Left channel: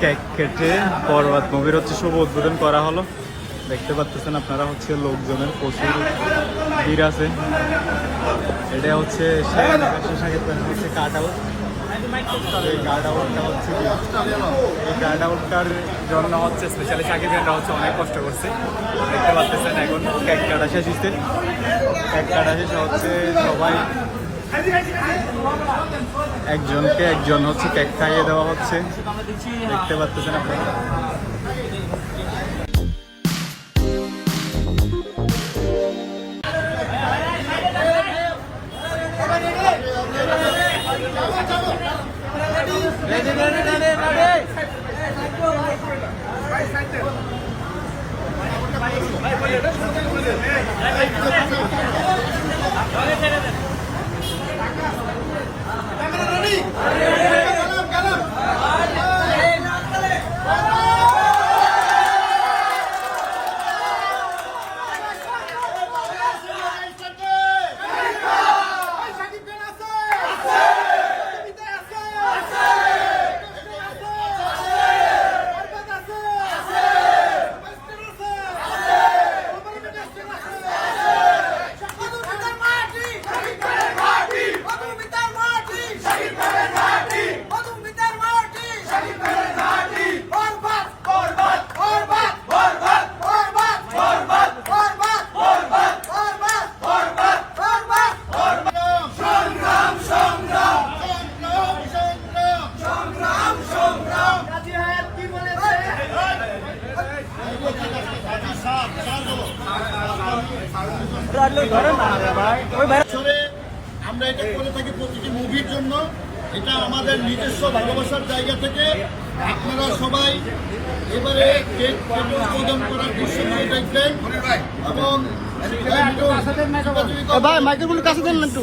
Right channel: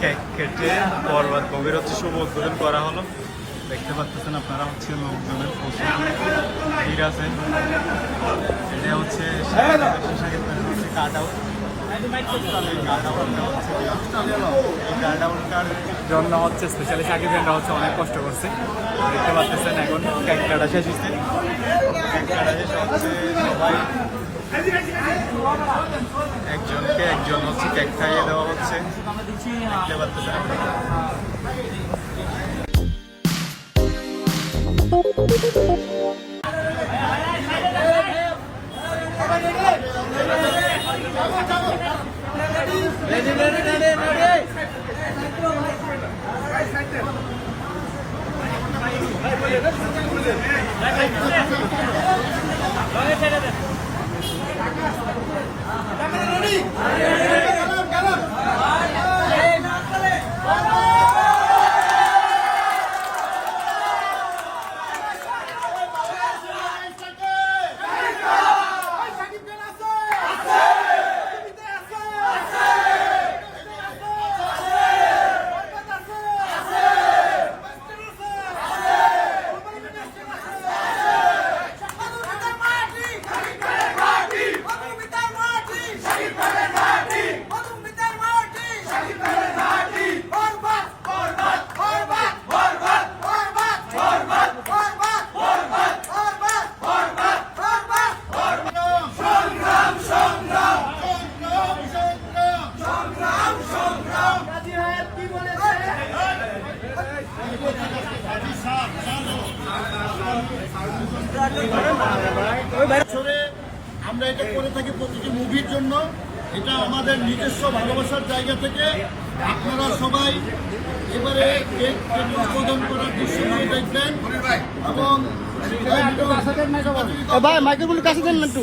Cake কেটে বরবাদ মুভির হচ্ছে শুভ উদ্বোধন করা হলো। দেখতে পাচ্ছেন আপনারা হচ্ছে লোকজনের প্রচুর ভিড় আছে। এটা হচ্ছে কাট আউট গার্ড আউটটার জন্য হচ্ছে স্পেশালি সাকিবেনরা হচ্ছে অনেক কষ্ট করছে। দেখতে পাচ্ছেন এখন ক্যাট কাটা শেষ হচ্ছে। ক্যাট কাটা শেষ হচ্ছে সবাই একজনকে একজন হচ্ছে কেক খাইয়ে দেওয়া হচ্ছে দেখতে পাচ্ছেন আপনারা আমরা এটা করে থাকি প্রতিটি মুভির জন্য। এটা আমাদের নিজস্ব ভালোবাসার জায়গা থেকে আপনারা সবাই এবারে কেক উদ্বোধন করার দৃশ্যগুলো দেখবেন। এবং ভাই মাইক্রোফোন কাছে দেন না একটু।